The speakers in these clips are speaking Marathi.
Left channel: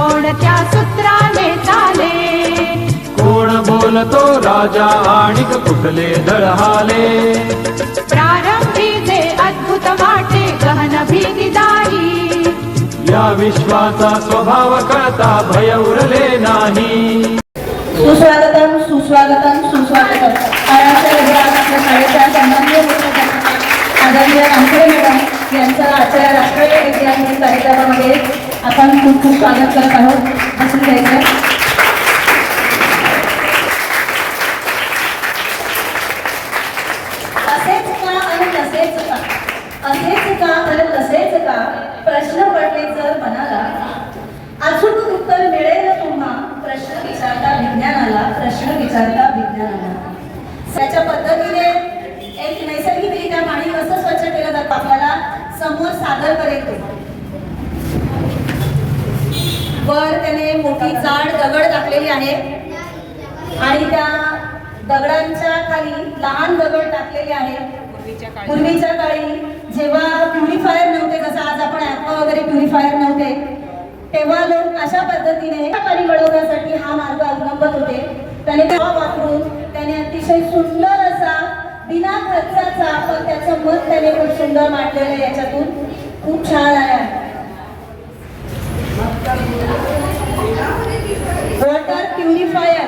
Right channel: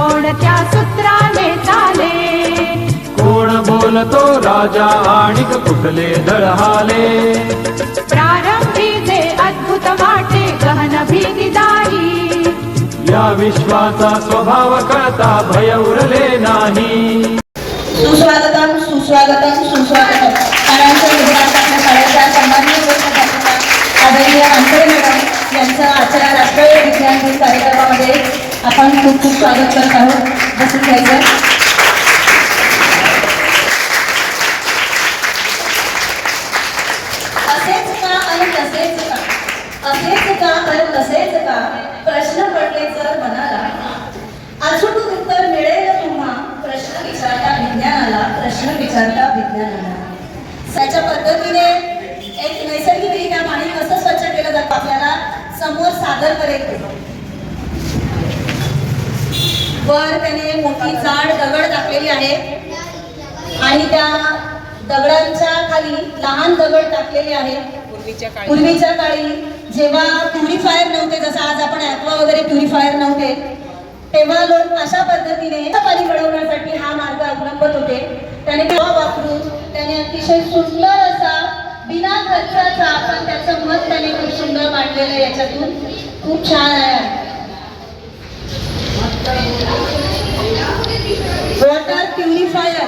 कोणत्या सूत्राने चाले कोण बोलतो राजा आणि कुठले दळहाले? प्रारंभी जे अद्भुत वाटे गहन भीतीदायी या विश्वाचा स्वभाव कळता भय उरले नाही. सुस्वागतम सुस्वागतम सुस्वागतम. शाळेच्या आदरणीय मॅडम यांचं आजच्या राष्ट्रीय कार्यक्रमामध्ये आपण खूप खूप स्वागत करत आहोत. बसून घ्यायचं असेच का आणि तसेच का असेच का आणि तसेच का प्रश्न पडले जर मनाला अचूक उत्तर मिळेल तुम्हा प्रश्न विचारता विज्ञानाला प्रश्न विचारता विज्ञानाला त्याच्या पद्धतीने एक नैसर्गिकरित्या पाणी कसं स्वच्छ केलं जातं आपल्याला समोर सादर करेल ते. वर त्याने मोठी जाड दगड आणि त्या दगडांच्या खाली लहान दगड टाकलेले आहेत. पूर्वीच्या काळी. जेव्हा प्युरिफायर नव्हते जसं आज आपण ऍक्वा वगैरे प्युरिफायर नव्हते तेव्हा लोक अशा पद्धतीने पाणी मिळवण्यासाठी हा मार्ग अवलंबत होते. त्याने वापरून त्याने अतिशय सुंदर असा बिना खर्चाचा पण त्याचं मत त्याने खूप सुंदर मांडलेलं आहे याच्यातून. खूप छान आहे. प्युरिफायर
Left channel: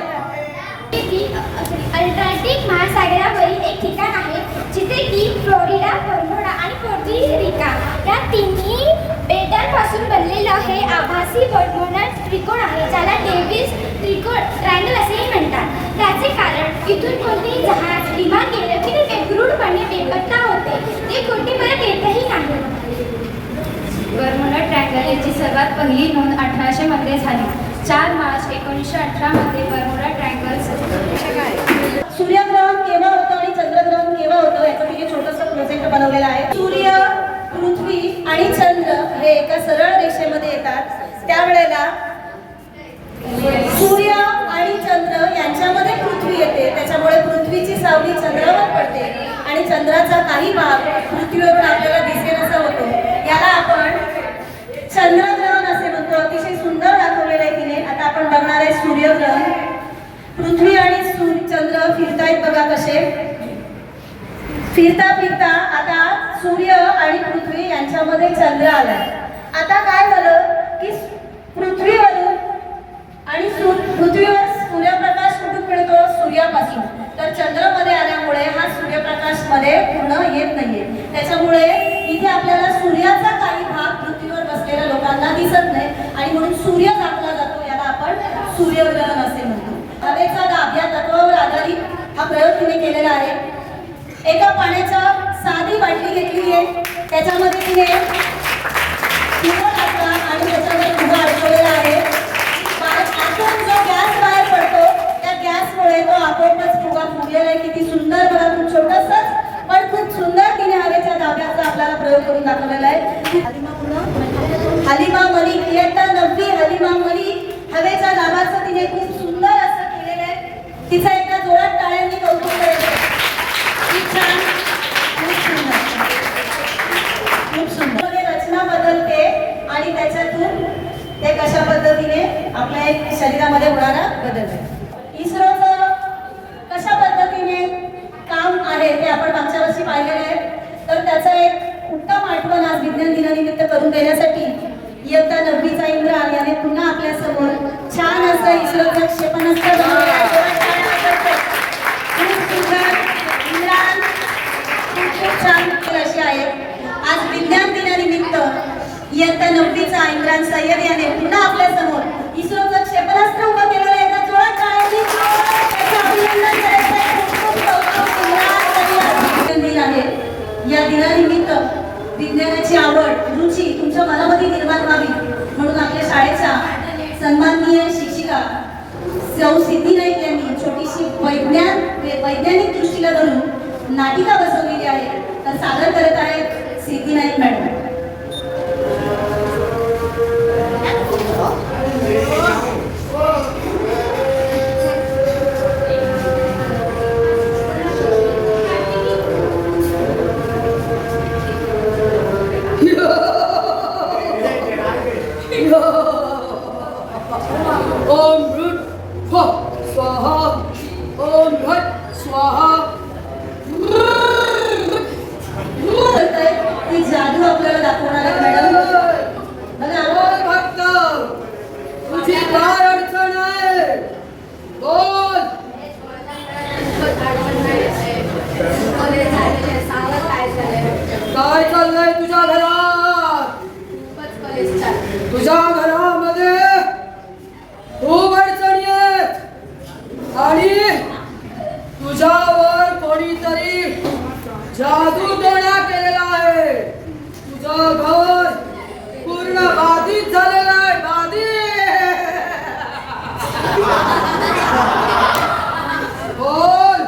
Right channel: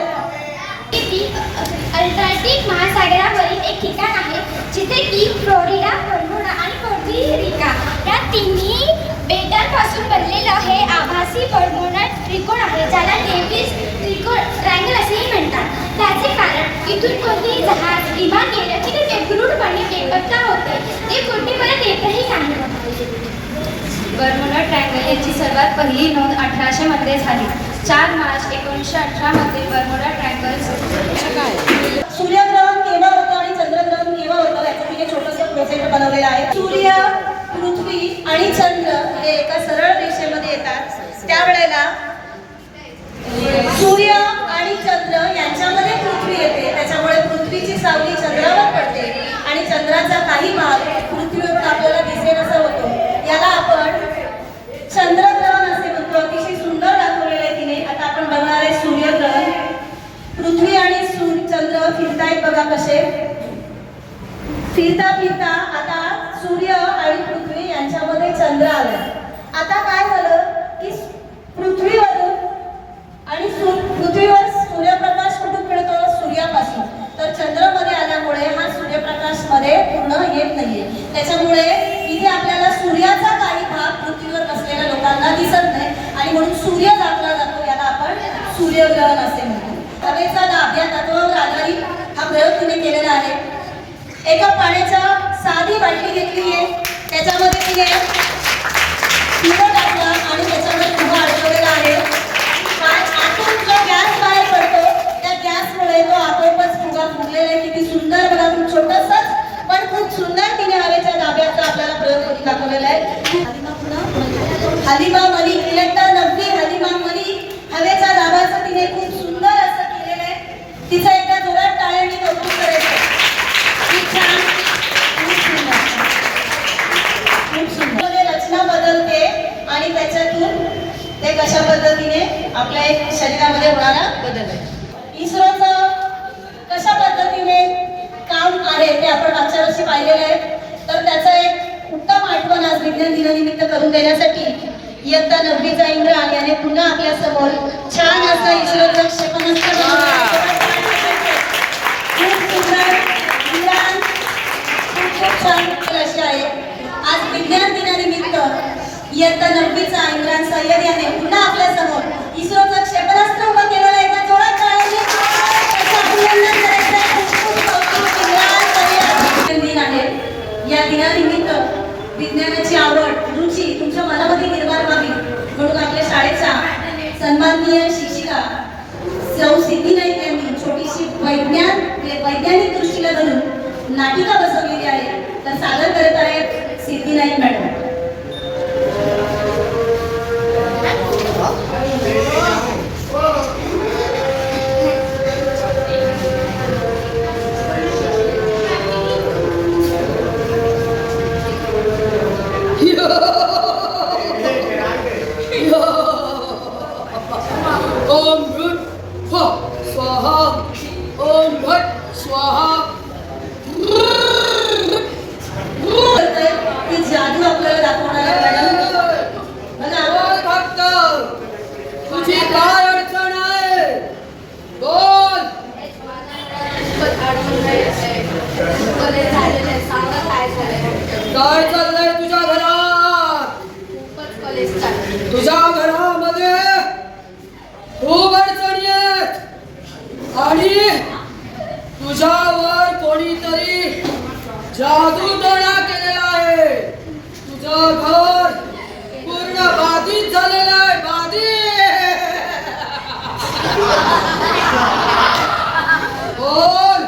अल्टार्क्टिक महासागरावरील एक ठिकाण आहे जिथे की फ्लोरिडा बर्मुडा आणि पोर्टरिका या तिन्ही बेटांपासून बनलेलं हे आभासी बर्मुडा त्रिकोण आहे ज्याला डेव्हिस त्रिकोण ट्रँगल असेही म्हणतात. त्याचे कारण इथून कोणतेही जहाज विमान गेलं की ते बेदरूडपणे बेपत्ता होते. ते कुठे परत येतही नाही. बर्मुडा ट्रँगल याची सर्वात पहिली नोंद अठराशे मध्ये झाली. चार मार्च एकोणीसशे अठरामध्ये मध्ये बर्मुडा ट्रँगल सूर्यग्रहण केव्हा होतं आणि चंद्रग्रहण केव्हा होतं याचं तिने छोटंसं प्रोजेक्ट बनवलेलं आहे सूर्य पृथ्वी आणि चंद्र हे एका सरळ रेषेमध्ये येतात त्यावेळेला सूर्य आणि चंद्र यांच्यामध्ये पृथ्वी येते त्याच्यामुळे पृथ्वीची सावली चंद्रावर पडते आणि चंद्राचा काही भाग पृथ्वीवर आपल्याला दिसेल असं होतो याला आपण चंद्रग्रहण असे म्हणतो अतिशय सुंदर दाखवलेलं आहे तिने आता आपण बघणार आहे सूर्यग्रहण पृथ्वी आणि सूर्य चंद्र फिरतायत बघा कसे फिरता फिरता आता सूर्य आणि पृथ्वी यांच्यामध्ये चंद्र आलाय. आता काय झालं की पृथ्वीवरून आणि पृथ्वीवर सूर्यप्रकाश कुठून मिळतो? सूर्यापासून. तर चंद्रमध्ये आल्यामुळे हा सूर्यप्रकाशमध्ये पूर्ण येत नाहीये. त्याच्यामुळे इथे आपल्याला सूर्याचा काही भाग पृथ्वीवर बसलेल्या लोकांना दिसत नाही आणि म्हणून सूर्य दाखला जातो याला आपण सूर्यग्रहण असे म्हणतो. हवेचा दाब या तत्वावर आधारित हा प्रयोग तुम्ही केलेला आहे. घेतली आहे त्याच्यामध्ये तिने फुगा टाकला आणि त्याच्यामध्ये फुगा अडकवलेला आहे पा- आतून जो गॅस बाहेर पडतो त्या गॅसमुळे तो आपोआपच फुगा फुगलेला आहे किती सुंदर बघा खूप छोटसच पण खूप सुंदर तिने हवेच्या दाब्याचा आपल्याला प्रयोग करून दाखवलेला आहे हलिमा पुन्हा हलिमा मलिक इयत्ता नववी हलिमा मलिक हवेच्या दाबाचं तिने खूप सुंदर असं केलेलं आहे तिचं एका जोरात टाळ्यांनी कौतुक करायचं खूप छान खूप सुंदर खूप सुंदरमध्ये रचना बदलते आणि त्याच्यातून ते कशा पद्धतीने आपल्या एक शरीरामध्ये होणारा बदल आहे. इस्रोचं कशा पद्धतीने काम आहे ते आपण मागच्या वर्षी पाहिलेले आहे. तर त्याचं एक उत्तम आठवण आज विज्ञान दिनानिमित्त करून देण्यासाठी इयत्ता नववीचा इंद्र याने पुन्हा आपल्यासमोर छान असं इस्रोचं क्षेपणास्त्र बनवलं आहे. खूप सुंदर इंद्रान खूप खूप छान अशी आहे आज विज्ञान दिनानिमित्त इयत्ता नववीचा इम्रान सय्यद याने पुन्हा आपल्यासमोर इस्रोचं क्षेपणास्त्र उभं केलेलं आहे. एका जोरात टाळ्यांनी दिन आहे. या दिनानिमित्त विज्ञानाची आवड रुची तुमच्या मनामध्ये निर्माण व्हावी म्हणून आपल्या शाळेच्या सन्माननीय शिक्षिका सौ सिद्धी नाईक यांनी छोटीशी वैज्ञान वैज्ञानिक दृष्टीला धरून नाटिका बसवलेली आहे तर सादर करत आहेत सिद्धी नाईक मॅडम ओम भृत फ स्वाहा ओम भट स्वाहा बोलतोय की जादू आपल्याला दाखवणार आहे मॅडम बघा बोल भक्त तुझी काय अडचण आहे बोल काय चाललंय तुझ्या घरात तुझ्या घरामध्ये खूप अडचणी आहेत आणि तुझ्यावर कोणीतरी जादू टोणा केलेला आहे तुझं घर पूर्ण बाधित झालेलं आहे बाधित बोल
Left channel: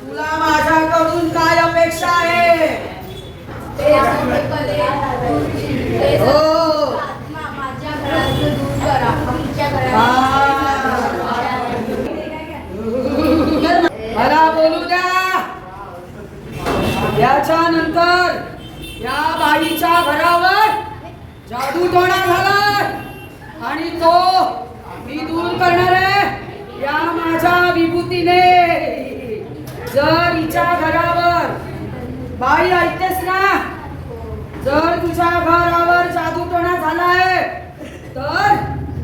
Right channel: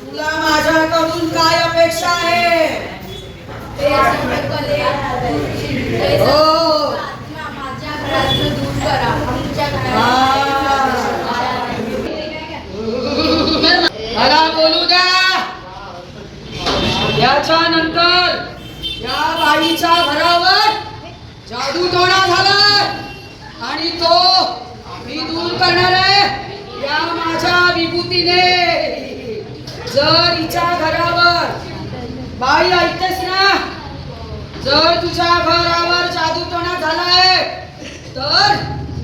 तुला माझ्याकडून काय अपेक्षा आहे हो मला बोलू द्या. याच्यानंतर या बाईच्या घरावर जादू टोणा झालाय. आणि तो मी दूर करणार आहे या माझ्या विभूतीने. जर हिच्या घरावर बाई ऐकतेस ना जर तुझ्या घरावर जादू टोणा झालाय तर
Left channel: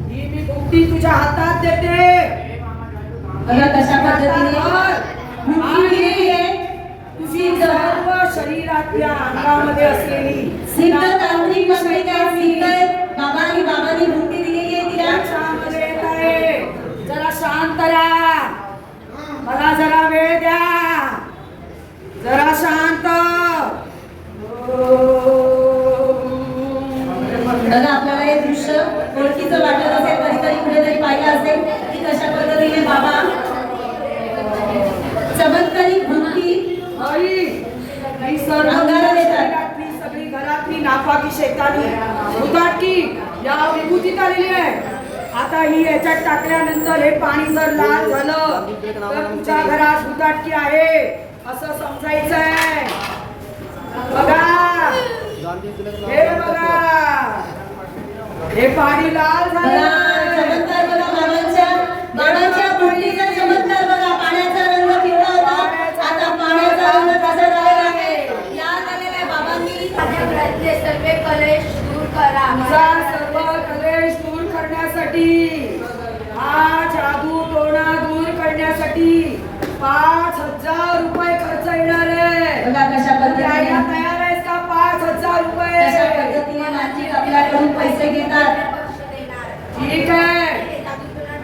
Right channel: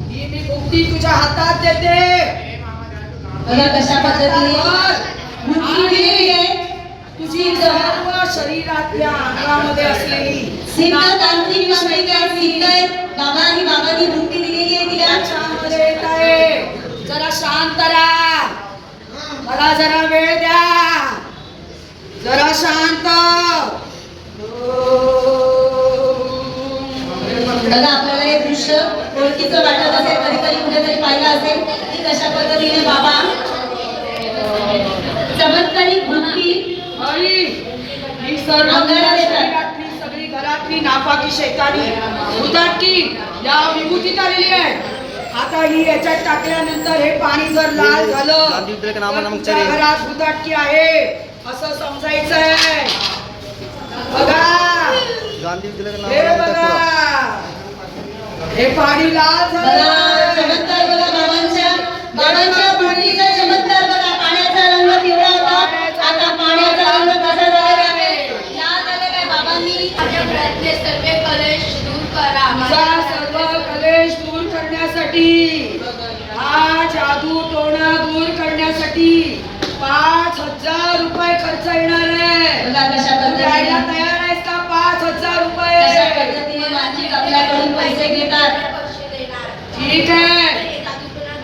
ही मी भुकटी तुझ्या हातात देते. बघा कशा पद्धतीने तर. तुझी सर्व शरीरातल्या अंगामध्ये असलेली सिद्ध तांत्रिक मंडळी काय सिद्ध आहेत बाबांनी बाबांनी भुकटी दिलेली आहे तिला. त्याच्यामध्ये येत आहे. जरा शांत राहा. मला जरा वेळ द्या. जरा शांत. बघा आपल्याला हे दृश्य ओळखीचं वाटत असेल कधीतरी कुठेतरी पाहिलं असेल की कशा पद्धतीने बाबा चमत्कारिक भक्ती ही अंगाला देतात. सगळी घरातली नापाकी शैतानी. उदाटकी या विभूतीत आलेली आहे. आता ही याच्यात टाकल्यानंतर हे पाणी जर लाल झालं तर तुमच्या घरात उदाटकी आहे असं समजायचं आहे. बघा. हे बघा. हे पाणी लाल झालं. चमत्कार बघा बाबांच्या बाबांच्या भक्तीचा चमत्कार बघा पाण्याचा रंग पिवळा होता. आता पाण्याचा रंग कसा झालेला आहे लाल आहे बाबांनी तुझा सर्व कलेश दूर करण्यासाठी हा जादू टोणा दूर करण्यासाठी पाच हजार रुपये खर्च येणार आहे बघा कशा तू द्यायला पद्धतीने तयार आहेस का पाच हजार कशा रुपये पद्धतीने मानसिक आपल्याकडून पैसे घेतात ठीक आहे.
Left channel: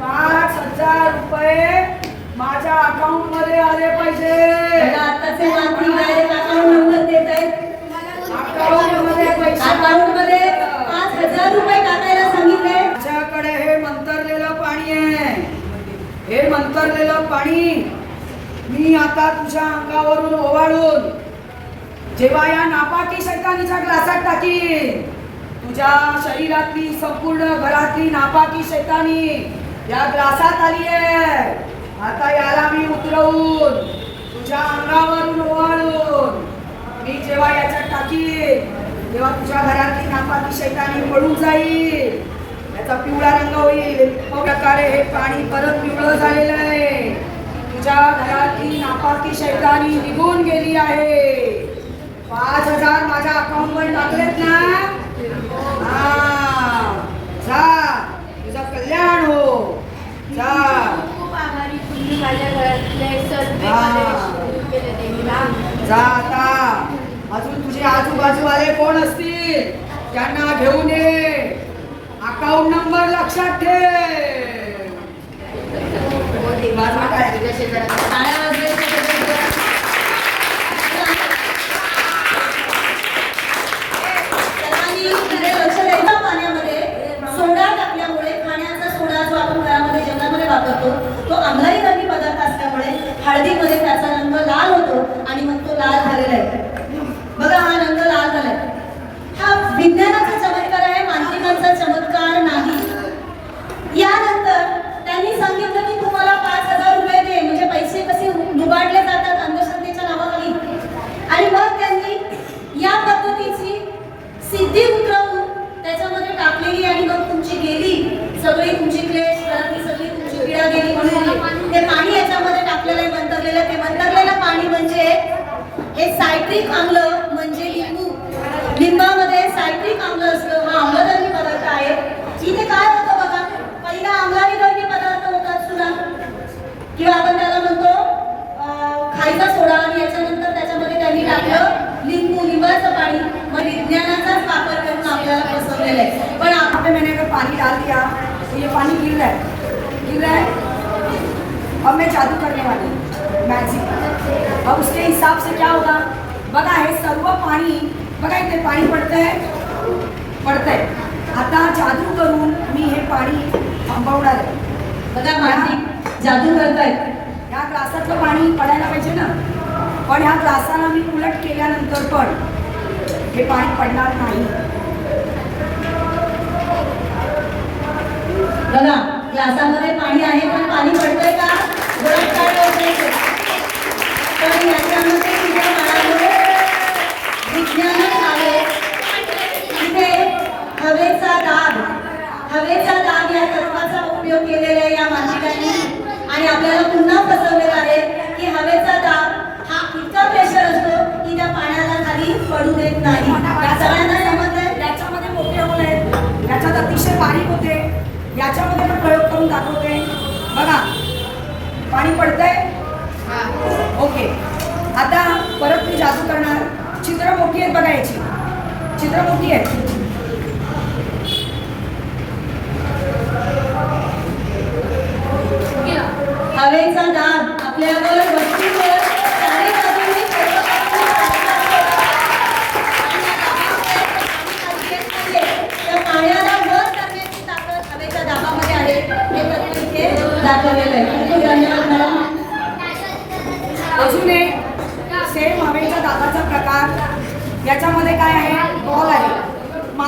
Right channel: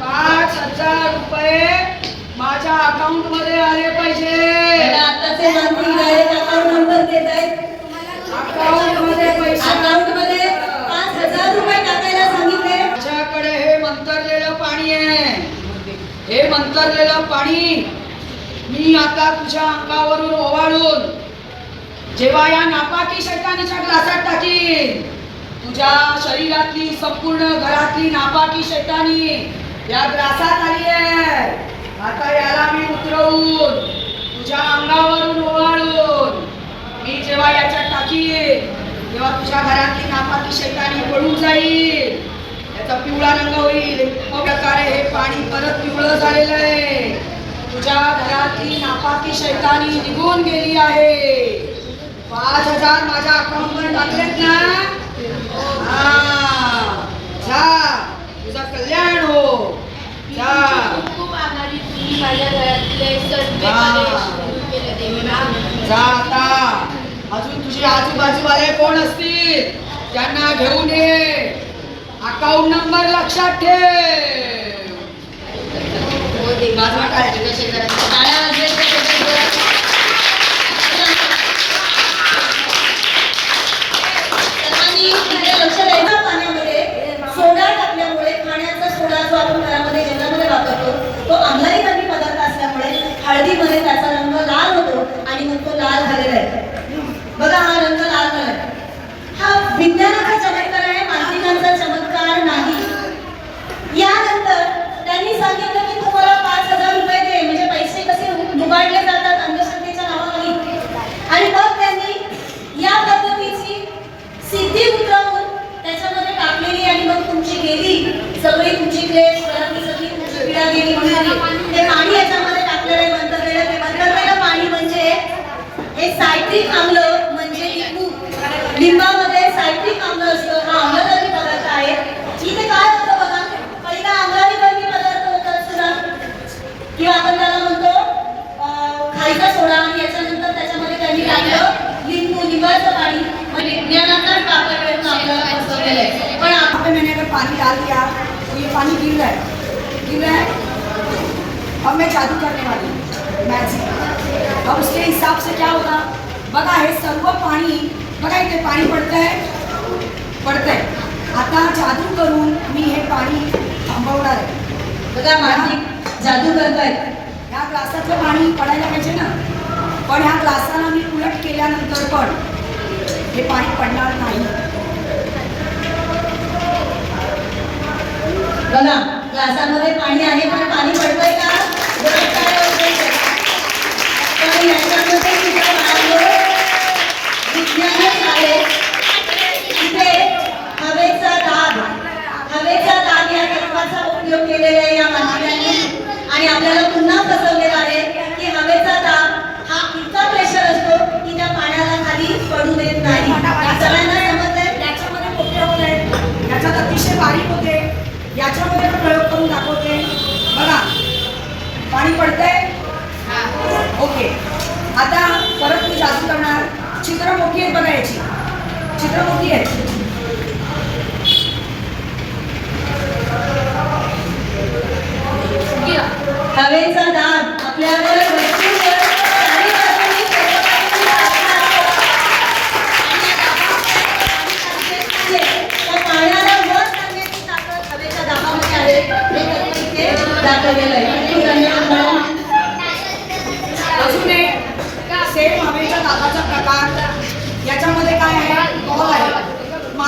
पाच हजार रुपये माझ्या अकाउंटमध्ये आले पाहिजे. अकाउंटमध्ये पैसे अकाउंटमध्ये पाच हजार रुपये टाकायला सांगितले. माझ्याकडे हे मंतरलेलं पाणी आहे. हे मंतरलेलं पाणी मी आता तुझ्या अंगावरून ओवाळून जेव्हा या नापाकी शैतानीच्या ग्लासात टाकीन. तुझ्या शरीरातली संपूर्ण घरातली नापाकी शैतानी या ग्लासात आली आहे. आता याला मी उतरवून तुझ्या अंगावरून ओवाळून मी जेव्हा याच्यात टाकीन तेव्हा तुझ्या घरातली नापाकी शैतानी पळून जाईल. याचा पिवळा रंग होईल. प्रकारे हे पाणी परत पिवळं झालेलं आहे. तुझ्या घरातली नापाकी शैतानी निघून गेली आहे. पाच हजार माझ्या अकाउंट वर टाकलेत ना? जा तुझं कल्याण हो जा खूप आभारी तुम्ही माझ्या घरातले सर्व हा. कलेश दूर केले देवीला जा आता अजून तुझे आजूबाजूवाले कोण असतील त्यांना घेऊन ये अकाउंट नंबर लक्षात ठेव बाजूला काय टाळ्या या पद्धतीची सिद्धी उतरवून त्याच्यामध्ये टाकलेली आणि मग तुमची गेली सगळी तुमची प्लेट परत सगळी तुमची पिढा गेली म्हणून ते पाणी याच्यामध्ये टाकलेलं आहे मंतरलेलं ते मंतरलेलं पाणी म्हणजे हे सायट्रिक आम्ल म्हणजे लिंबू. लिंबा विज्ञानाचाच वापर करून आपल्याला बसवलेलं आहे. पण आप- यहाँ पे मैंने अगर पानी डाल दिया तो ये. पानी गिर रहा है गिर रहा है अब मैं जादू करने वाली मॅजिक अब उसके हिसाब से क्या होगा? बघा हे सर्व पाणी बघा इथे पाणी पडतंय. पडतंय. आता जादू करून मी हे पाणी थांबवणार आहे. बघा मानसिक जादू करतायत ह्या ग्लासातलं पाणी पडायला पाहिजे ना? पण ह्या ग्लासाला मी उलट केल्यानंतर पण हे पाणी पडणार नाही. बघा ग्लासामध्ये पाणी आहे पण पाणी पडतंय का? गरज काय पण याच्यामध्ये सुद्धा विज्ञानच आहे. तिथे हवेचा दाब हवेचा दाब या तत्वाचा उपयोग केलेला आहे या मानसिकांनी आणि आपल्याला पुन्हा फसवलेला आहे की हवेचा दाब हा इतका प्रेशर असतो की त्या पाण्याला खाली पडू देत नाही. सगळ्यांना समजलंय? याच्यामध्ये मोठे होते याच्यात अतिशय बारीक होते. याच्यामध्ये प्रयोग करून दाखवते. बघा. पाणी पडतंय? ओके. आता परत मी जादू करणार. चित्र मोठी आहेत बघा याची. चित्र मोठी आहेत. हवेचा दाब आपल्यावर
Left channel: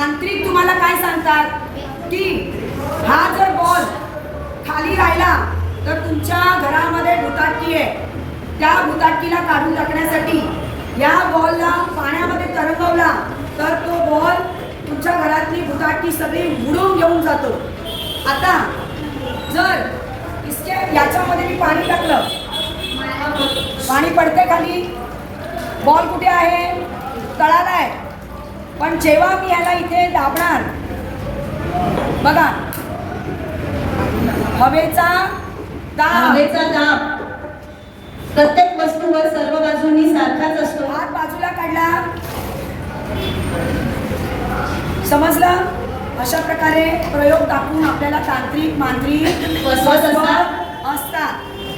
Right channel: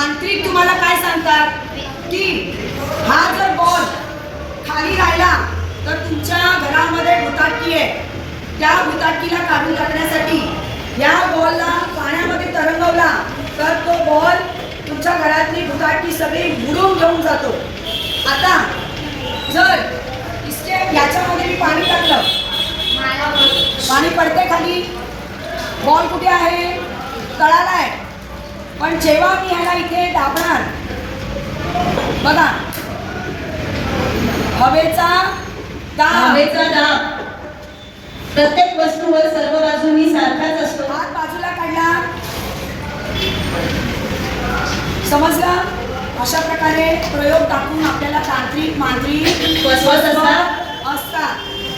आहे तुम्हाला काय सांगतात? की हा जर बॉल खाली राहिला तर तुमच्या घरामध्ये भुताटकी आहे. त्या भुताटकीला काढून टाकण्यासाठी या बॉलला पाण्यामध्ये तरंगवला तर तो बॉल तुमच्या घरातली भुताटकी सगळी बुडून घेऊन जातो. आता जर इसके याच्यामध्ये मी पाणी टाकलं. पाणी पडते खाली. बॉल कुठे आहे? तळाला आहे. पण जेव्हा मी ह्याला इथे दाबणार बघा हवेचा दाब. हवेचा दाब. प्रत्येक वस्तूवर सर्व बाजूनी सारखाच असतो. हात बाजूला काढला. समजलं? अशा प्रकारे प्रयोग दाखवून आपल्याला तांत्रिक मांत्रिक असतात.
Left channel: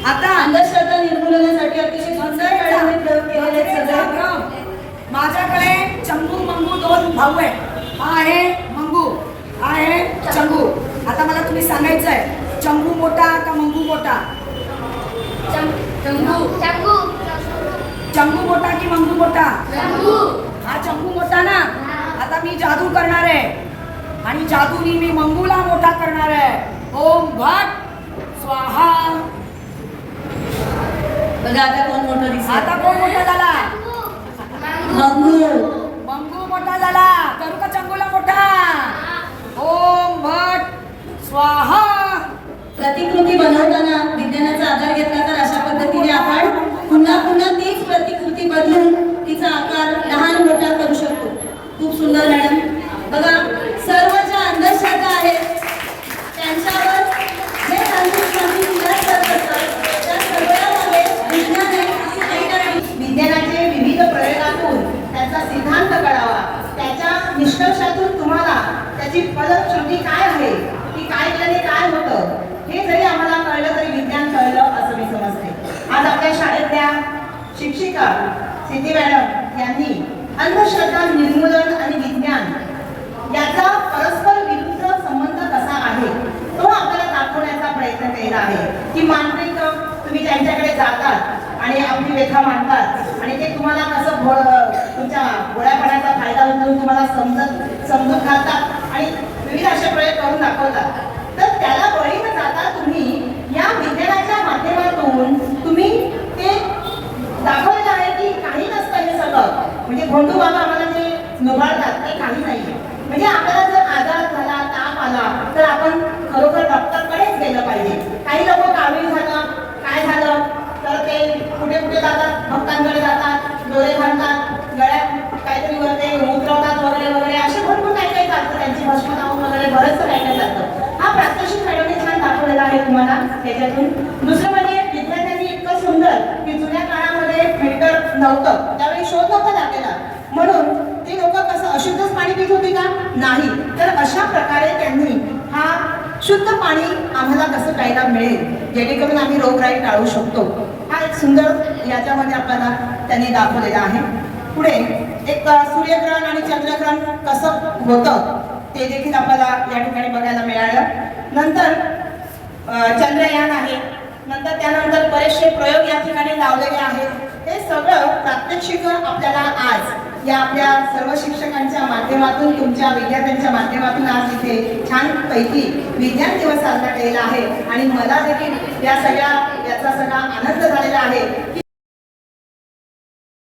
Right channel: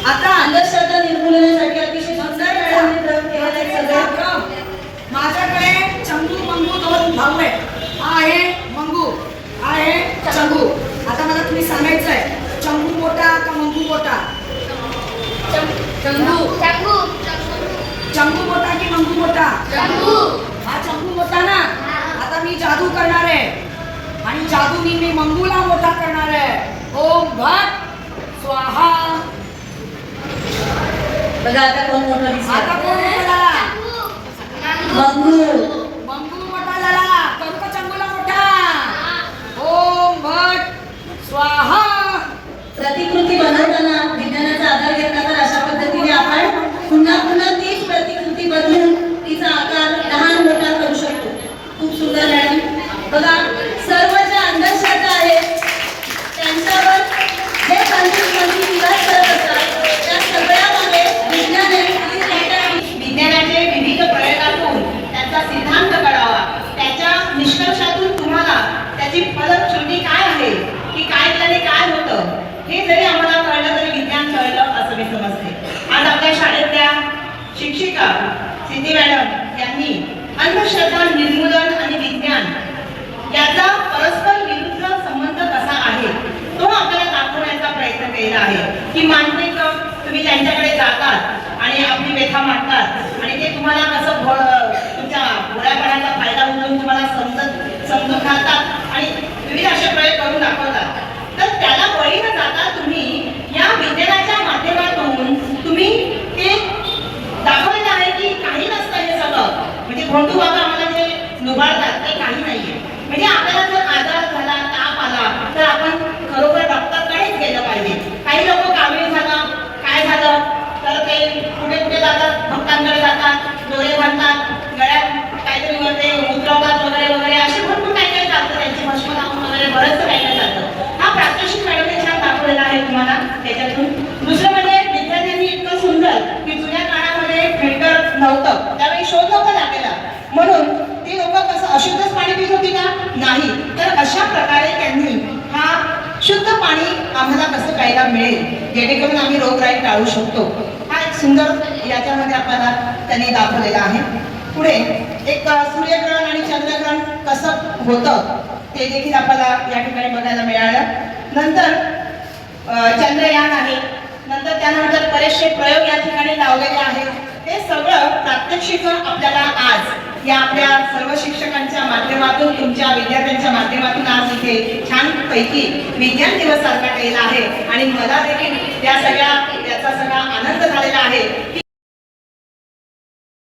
आता अंधश्रद्धा निर्मूलनासाठी अतिशय सुंदर प्रयोग केलेले आहेत सगळे माझ्याकडे दोन भाऊ आहेत. हा आहे मंगू हा आहे चंगू. आता मला तुम्ही सांगायचं आहे चंगू मोठा का मंगू मोठा चंगू. चंगू. चंगू मोठा की मंगू मोठा चंगू. हा चंगू मोठा ना? आता मी जादू करणार आहे. आणि जादूनी मी मंगूला मोठा करणार आहे. ओम भट स्वाहा. आता कोण मोठं आता दिसतं कोण मोठा झाला? मंगू मंगू. मोठा झाला करू का चंगुला मोठा. ओम भट. स्वाहा. प्रतिकृती बनवताना विज्ञानाचा आधार घेतला तर अशा पद्धतीने आपण पुन्हा पुन्हा तीच प्रतिकृती बदलून तिचा आकार लहान मोठा करू शकतो. खूप सुंदर मॅडम. बघा सर्व ज्या अंधश्रद्धा आहेत त्यांच्यावर जे तांत्रिक मंत्री विलास करत असतात त्या सगळ्यामध्ये विज्ञान आहे विज्ञानाचे विविध प्रयोगातून त्याचा सिद्धांत कळावा त्याच्या निष्कर्षातून तुम्हाला त्याची फलश्रुती काय आहे की काय केल्याने काय होतं हे जरी आम्हाला कळलं तरी विज्ञान कळलं असं मी समजते आज आपल्या शाळेतल्या शिक्षिका सिद्धी मॅडम यांनी अंधश्रद्धा निर्मूलन आणि विज्ञान याचा परस्पर विरुद्ध संबंध कसा आहे तो आपल्याला दाखवण्याचा प्रयत्न केलेला आहे की मानसिक जातात आणि आपली व्यथा मांडतात. आणि ते तुम्हाला कसं तुमच्या गोळ्यापणाचा फायदा उचलून तुम्हाला समजत समजून घालतात आणि विविध असे प्रयोग करून दाखवतात. तर त्याला बळी न जाता तुम्ही या विज्ञानाच्या माध्यमातून तुम्ही ते दाखवलेलं आहे की काही नसतं हे सगळं. म्हणजे भोंडू बाबा आम्हाला जे नुभाळतात ते काही नाहीये. म्हणजे आपल्याला जर आजार झाला ताप आला तर आपण खरोखर डॉक्टरकडेच गेलं पाहिजे. काही लोक डोळे बांधतात गळ्यात काहीतरी वगैरे उतरवतात वगैरे वगैरे असे भरपूर काही काही चालतं त्यांची भस्म लावून वगैरे बरंचसं काही काही चालतं हा प्रात्यक्षिक मॅडमने छान दाखवलेला आहे तुम्हाला त्याच्यातून. दुसरं म्हणजे विद्यार्थ्यांनी इतकं सुंदर की जुन्या काळामध्ये फिल्टर नव्हतं. त्यावेळी शोध नव्हता लागलेला. म्हणून ते लोक कसं अशुद्धच पाणी पित होती का नाही. तर अशा प्रकारे त्यांनी हा शुद्ध पाणी आम्हाला कसं प्यायला मिळेल? जेणेकरून आम्ही रोगराई टाळू शकतो. सुंदर याच्यामध्ये आपल्याला त्यांनी दाखवलेलं आहे. पुढे एक सूर्यग्रहण आणि चंद्रग्रहण कसं होतं ते देखील आपल्याला या ठिकाणी बघायला मिळालं. नंतर चंद्रयान आहे. नंतर त्यानंतर बरेचसे प्रयोग या ठिकाणी लावलेले आहेत. हे सगळं प्रात्यक्षिक आपल्याला आज या आपल्या सर्व शिक्षकांच्या माध्यमातून तुमच्या विद्यार्थ्यांच्या माध्यमातून आज इथे छान पैकी विज्ञान दिवस साजरा केला आहे. आणि मला देखील या सगळ्या त्याचा सगळा आनंद झालेला आहे. की